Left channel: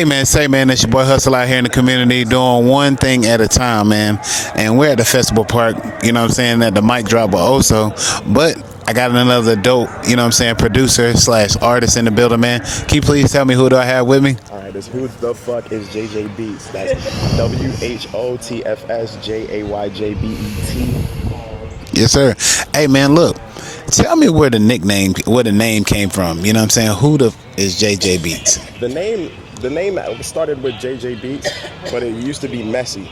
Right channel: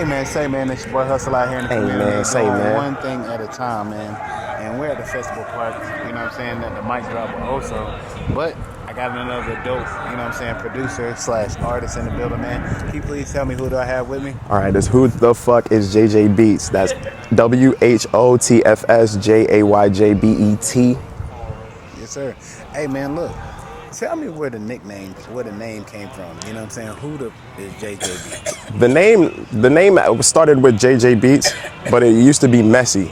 Hey man, say man, it's your boy Hustle out here in the community doing one thing at a time, man. And we're at the festival park, you know what I'm saying, at the mic drop of Oso. But I got another dope, you know what I'm saying, producer slash artist in the building, man. Can you please tell me who do I have with me? All right, this who the fuck is JJ Beats. That's WHOTFSJAYJBET. Yes, sir. Hey man, look. Tell me where the name came from. You know what I'm saying? Who the is JJ Beats? The name started with JJ Beats, but it used to be Messy.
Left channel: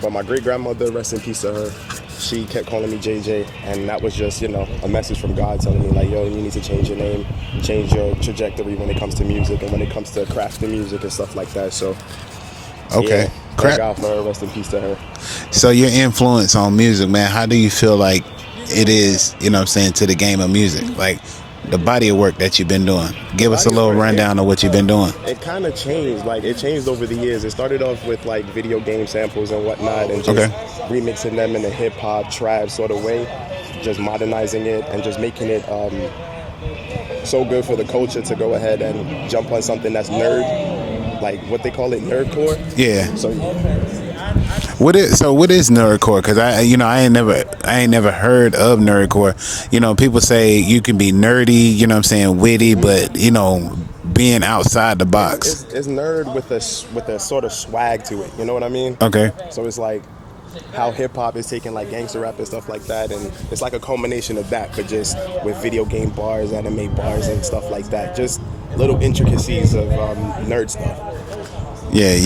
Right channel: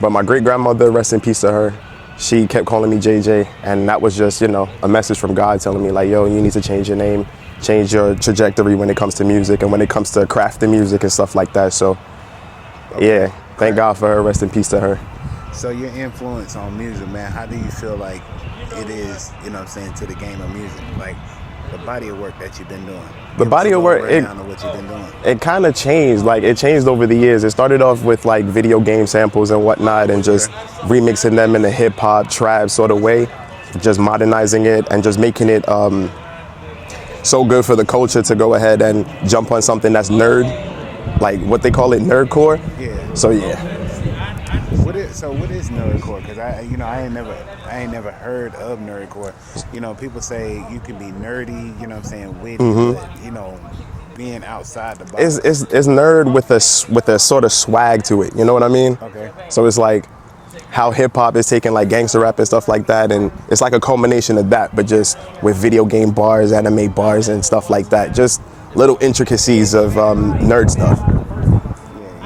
But my great grandmother, rest in peace to her, she kept calling me JJ, and that was just, you know, a message from God telling me like, yo, you need to change your name, change your trajectory when it comes to music and when it comes to crafting music and stuff like that. So, okay. Yeah, thank God for her, rest in peace to her. So your influence on music, man, how do you feel like it is, you know what I'm saying, to the game of music? Like the body of work that you've been doing. Give us a little rundown of what you've been doing. It kind of changed. Like, it changed over the years. It started off with like video game samples and whatnot and just remixing them in a hip hop, trap sort of way, just modernizing it and just making it so good for the culture to go ahead and jump on something that's nerd, like what they call it, nerdcore. Yeah. So yeah. What is nerdcore? Because I ain't never heard of nerdcore. You know, people say you can be nerdy, you know what I'm saying, witty, but you know, being outside the box. It's nerd with a sort of swag to it. You know what I mean? Okay. So it's like how hip hop is taking like gangster rap and stuff like that, and it's like a culmination of that, but just with video game bars, anime bars, and stuff like that. Just little intricacies of nerd stuff. Yeah,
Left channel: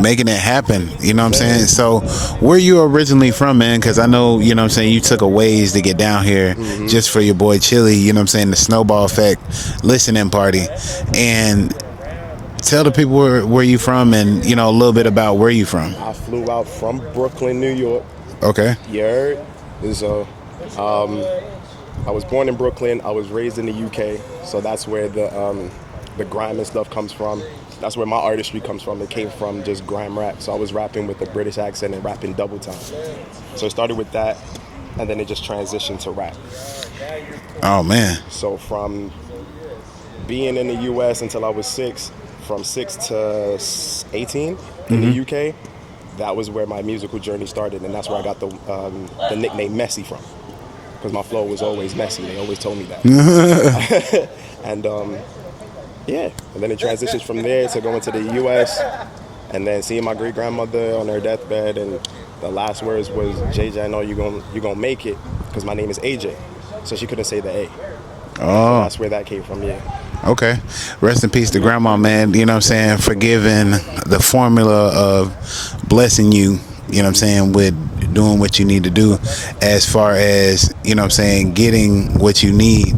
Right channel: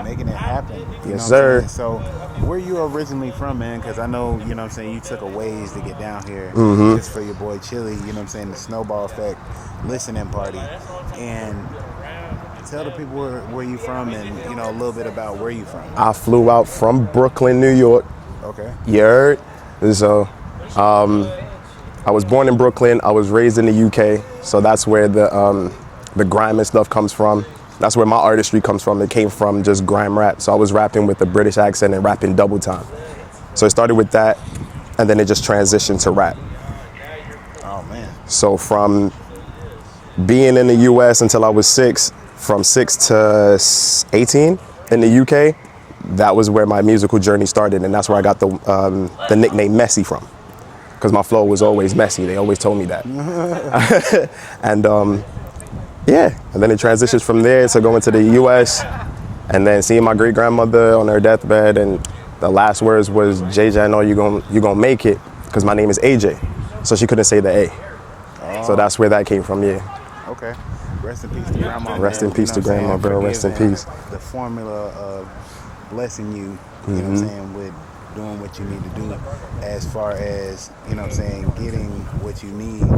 making it happen, you know what I'm saying? So, where you originally from, man? Because I know, you know what I'm saying, you took a ways to get down here just for your boy Chili, you know what I'm saying, the Snowball Effect listening party. And tell the people where you from and, you know, a little bit about where you from. I flew out from Brooklyn, New York. Okay. You heard? So, I was born in Brooklyn. I was raised in the UK. So that's where the grime and stuff comes from. That's where my artistry comes from. It came from just grime rap. So I was rapping with a British accent and rapping double time. So it started with that, and then it just transitioned to rap. Oh, man. So from being in the US until I was 6, from 6 to 18 in the UK, that was where my musical journey started, and that's where I got the nickname Messy from. Because my flow was always messy. They always told me that. And yeah, and then it transitions from there to going to the US and then seeing my great grandmother on her deathbed, and the last words was, JJ, I know you're gonna make it, because my name is AJ. So she couldn't say the A. So that's where that came from, yeah. Okay. Rest in peace to grandma, man. You know what I'm saying? For giving the formula of blessing you, you know what I'm saying, with doing what you need to do as far as, you know what I'm saying, getting what you need,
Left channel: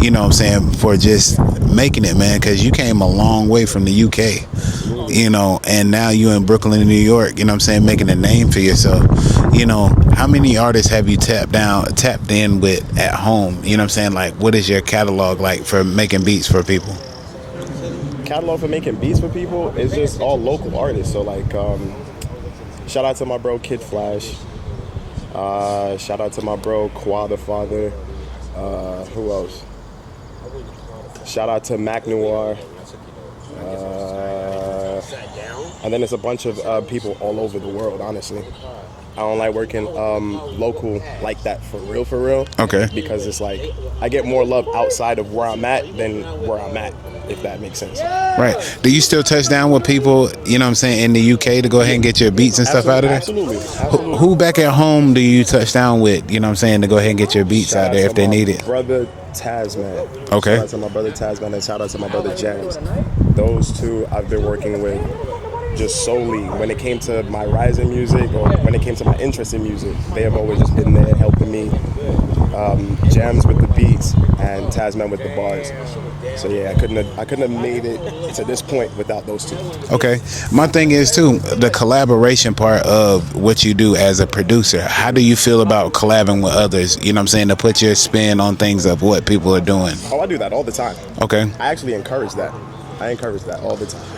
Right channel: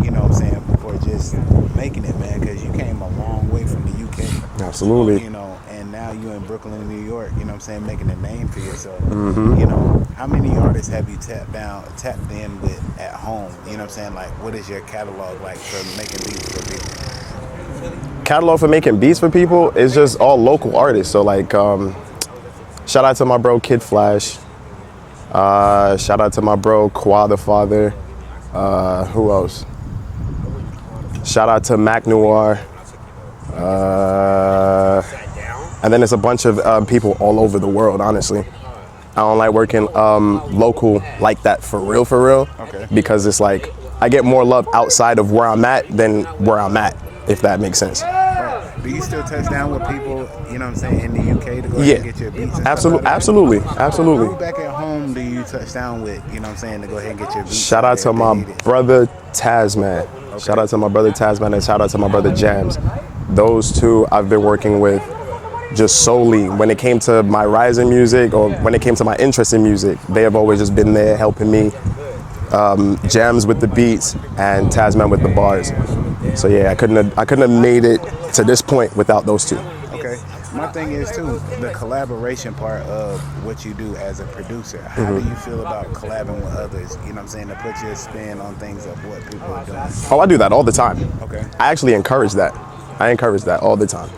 you know what I'm saying, for just making it, man, because you came a long way from the UK. Absolutely. You know, and now you in Brooklyn, New York, you know what I'm saying, making a name for yourself. You know, how many artists have you tapped in with at home? You know what I'm saying? Like, what is your catalog like for making beats for people? Catalog for making beats for people is just all local artists. So like, shout out to my bro Kid Flash. Shout out to my bro Kwa the Father. Who else? Shout out to Mac Noir. And then there's a bunch of people all over the world, honestly. I don't like working local like that for real. Okay. Because it's like, I get more love outside of where I'm at than where I'm at, if that makes sense. Right. Do you still touch down with people, you know what I'm saying, in the UK to go ahead and get your beats and stuff out of there? Absolutely. Who back at home do you touch down with, you know what I'm saying, to go ahead and get your beats out there if they need it? Shout out to my brother Tasman. Okay. Shout out to my brother Tasman and shout out to my brother Jams. Those two I've been working with just solely. When it came to my rising music or when it came to my interest in music, they have always just been there helping me. Jams with the beats and Tasman with the bars. So yeah, I couldn't have made it to this point without those two. Okay. My thing is too, the collaboration part of what you do as a producer. How do you feel about collabing with others, you know what I'm saying, to put your spin on things of what people are doing? Oh, I do that all the time. Okay. I actually encourage that. I encourage that all the time.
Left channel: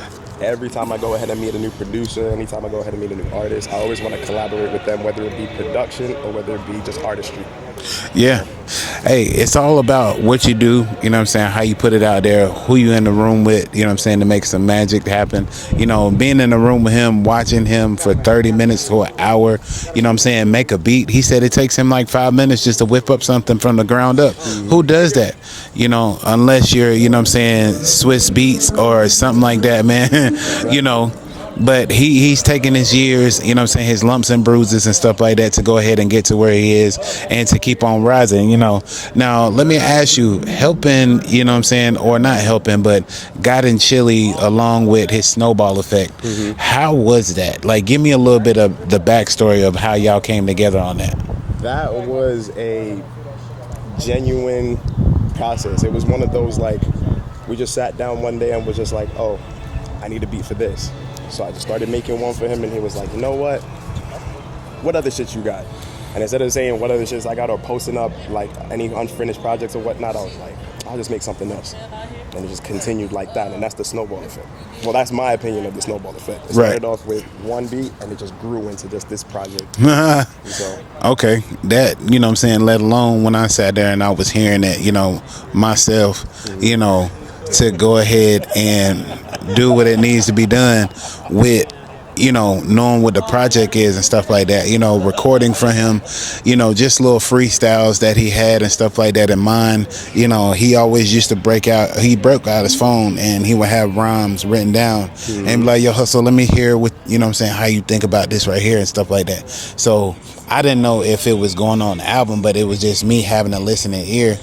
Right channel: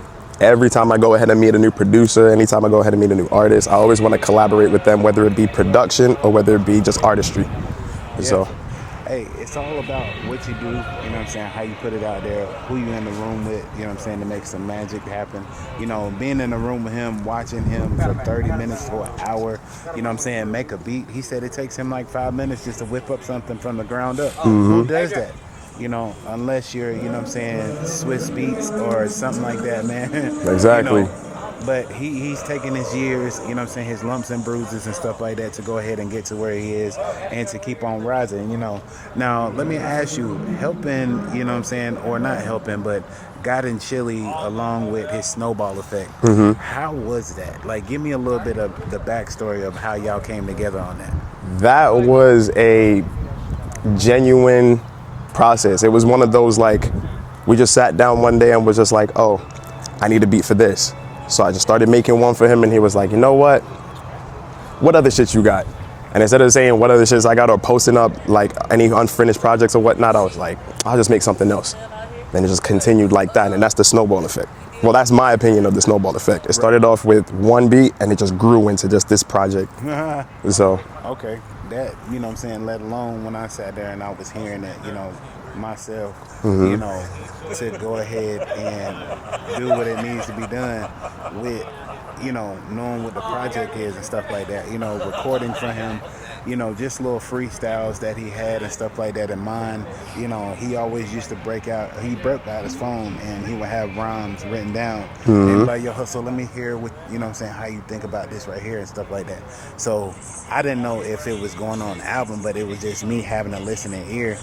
Every time I go ahead and meet a new producer, anytime I go ahead and meet a new artist, I always want to collaborate with them, whether it be production or whether it be just artistry. Yeah. Hey, it's all about what you do, you know what I'm saying, how you put it out there, who you in the room with, you know what I'm saying, to make some magic happen. You know, being in the room with him, watching him for 30 minutes to an hour, you know what I'm saying, make a beat. He said it takes him like 5 minutes just to whip up something from the ground up. Who does that? You know, unless you're, you know what I'm saying, Swiss Beats or something like that, man. Exactly. You know. But he's taking his years, you know what I'm saying, his lumps and bruises and stuff like that to go ahead and get to where he is and to keep on rising, you know. Now, let me ask you, helping, you know what I'm saying, or not helping, but guiding Chili along with his snowball effect, how was that? Like, give me a little bit of the backstory of how y'all came together on that. That was a genuine process. It was one of those, like, we just sat down one day and was just like, oh, I need a beat for this. So I just started making one for him, and he was like, you know what other shit you got? And instead of saying what other shits I got or posting up like any unfinished projects or whatnot, I was like, I'll just make something else. And it just continued like that, and that's the snowball effect. Well, that's my opinion of the snowball effect. It started off with one beat, and it just grew into just this project. So okay, that, you know what I'm saying, let alone when I sat there and I was hearing that, you know, myself, you know, to go ahead and do what it needs to be done with, you know, knowing what the project is and stuff like that, you know, recording for him, you know, just little freestyles that he had and stuff like that in mind. You know, he always used to broke out his phone and he would have rhymes written down and be like, yo, Hustle, let me hear what, you know what I'm saying, how you think about this right here and stuff like that. So I didn't know if it was going on the album, but it was just me having a listening ear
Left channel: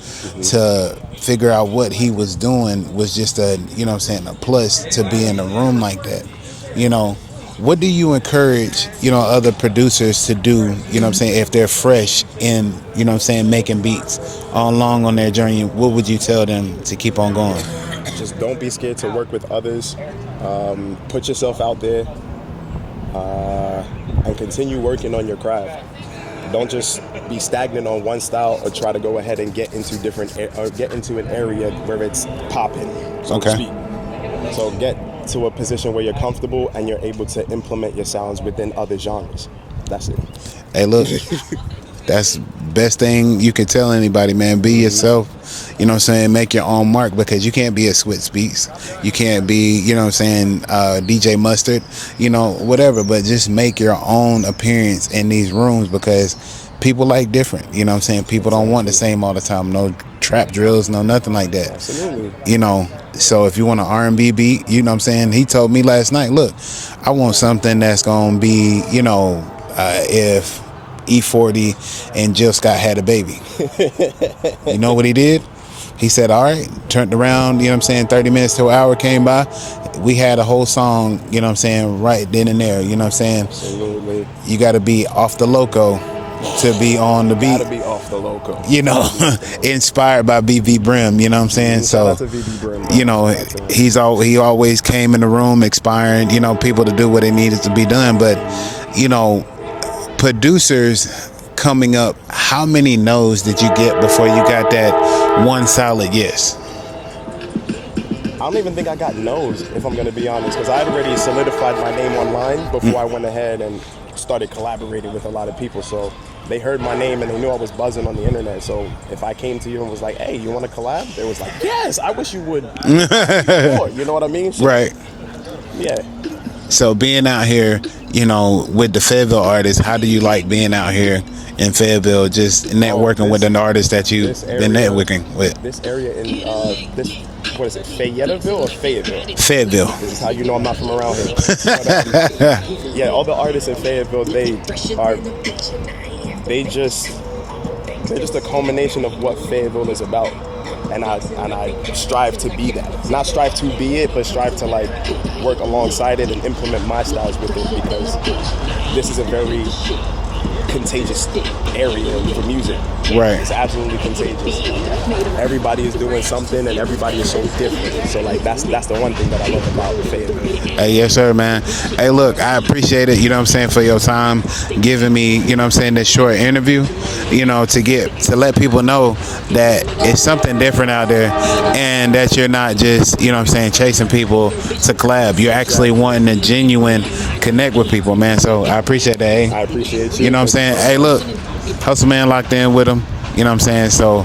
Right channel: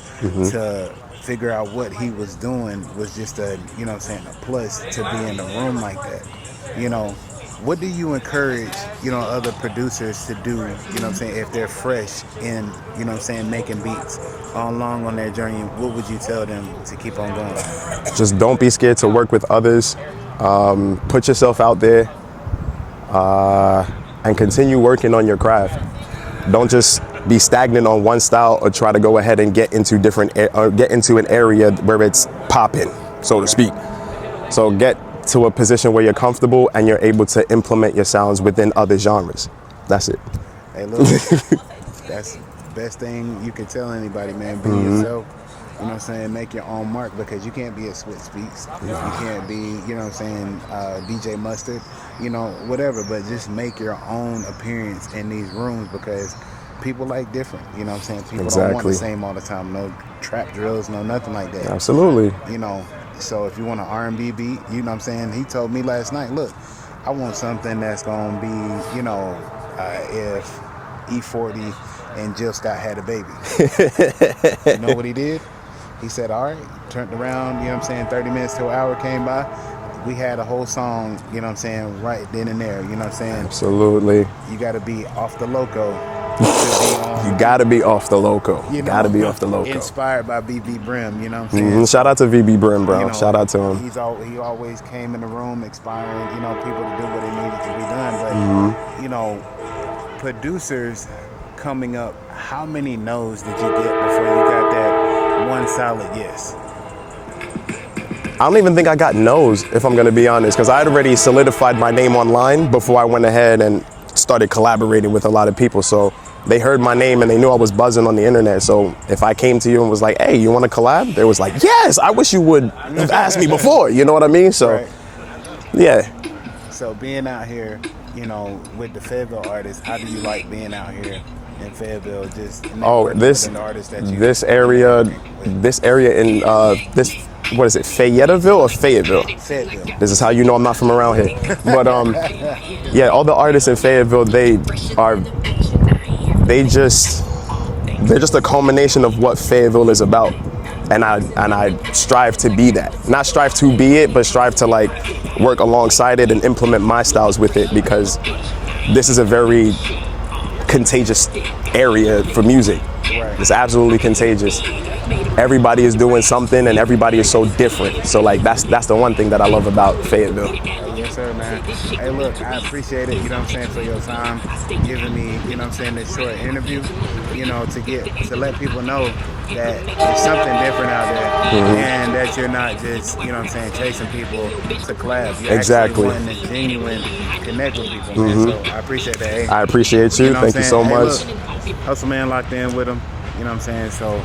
to figure out what he was doing was just a, you know what I'm saying, a plus to be in a room like that. You know, what do you encourage, you know, other producers to do, you know what I'm saying, if they're fresh in, you know what I'm saying, making beats along on their journey? What would you tell them to keep on going? just don't be scared to work with others. Put yourself out there and continue working on your craft. Don't just be stagnant on one style or try to go ahead and get into an area where it's popping, so to speak. So get to a position where you're comfortable and you're able to implement your sounds within other genres. That's it. Hey, look, that's best thing you can tell anybody, man. Be yourself. You know what I'm saying? Make your own mark, because you can't be a Switch Beats. You can't be, you know what I'm saying, DJ Mustard, you know, whatever. But just make your own appearance in these rooms, because people like different. You know what I'm saying? People don't want the same all the time. No trap drills, no nothing like that. Absolutely. You know, so if you want an R&B beat, you know what I'm saying? He told me last night, look, I want something that's going to be, you know, if E40 and Jill Scott had a baby. You know what he did? He said, all right, turned around, you know what I'm saying, 30 minutes to an hour came by. We had a whole song, you know what I'm saying, right then and there, you know what I'm saying? Absolutely. You got to be off the loco to be on the beat. Gotta be off the loco. You know, inspired by BB Brim, you know what I'm saying? Shout out to VB Brim, bro. You know, shout out to him. He always came in the room inspiring, you know, people to do what they needed to be done. But, you know, producers coming up, how many no's did you get before you got that one solid yes? I don't even think I got no's, if I'm gonna be honest, because I had already solidified my name online before I went ahead and started collaborating with a lot of people. So they heard my name and they knew I was buzzing on the internet. So if I came to you and was like, hey, you want to collab? They was like, yes, I wish you would ask me before. You know what I mean? So, right. Yeah. So being out here, you know, with the Fayetteville artists, how do you like being out here in Fayetteville, just networking with an artist that you been networking with? This area in this, what is it, Fayetteville or Fayetteville? Fayetteville. This is how you know I'm not from around here. But yeah, all the artists in Fayetteville, they're just a culmination of what Fayetteville is about. And I strive to be that. Not strive to be it, but strive to like work alongside it and implement my styles with it, because this is a very contagious area for music. Right. It's absolutely contagious. Everybody is doing something and everybody is so different. So like that's the one thing that I love about Fayetteville. Hey, yes sir, man. Hey, look, I appreciate it, you know what I'm saying, for your time giving me, you know what I'm saying, this short interview, you know, to let people know that it's something different out there, and that you're not just, you know what I'm saying, chasing people to collab. You're actually wanting to genuine connect with people, man. So I appreciate that. Hey, I appreciate you. You know what I'm saying? Thank you so hey, much. Look, Hustle Man locked in with him. You know what I'm saying? So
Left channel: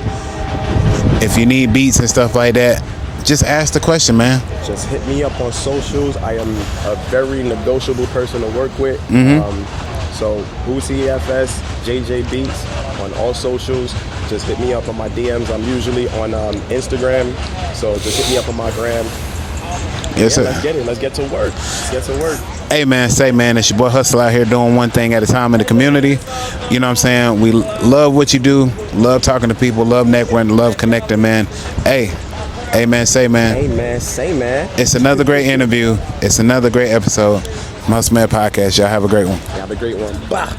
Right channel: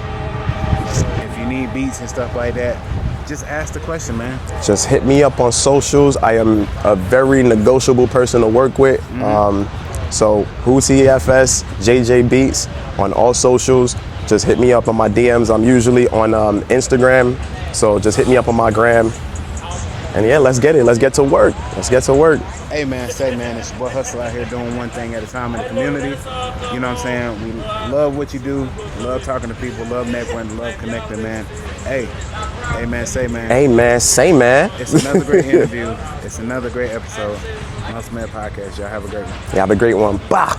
if you need beats and stuff like that, just ask the question, man. Just hit me up on socials. I am a very negotiable person to work with. So Who's He FS, JJ Beats on all socials. Just hit me up on my DMs. I'm usually on Instagram, so just hit me up on my gram. And Yes, yeah, sir. let's get it. Let's get to work. Let's get to work. Hey man, it's your boy Hustle out here doing one thing at a time in the community. You know what I'm saying? We love what you do, love talking to people, love networking, love connecting, man. Hey man, Hey man, say man. it's another great interview. It's another great episode. Most Man Podcast. Y'all have a great one. You have a great one. Bah.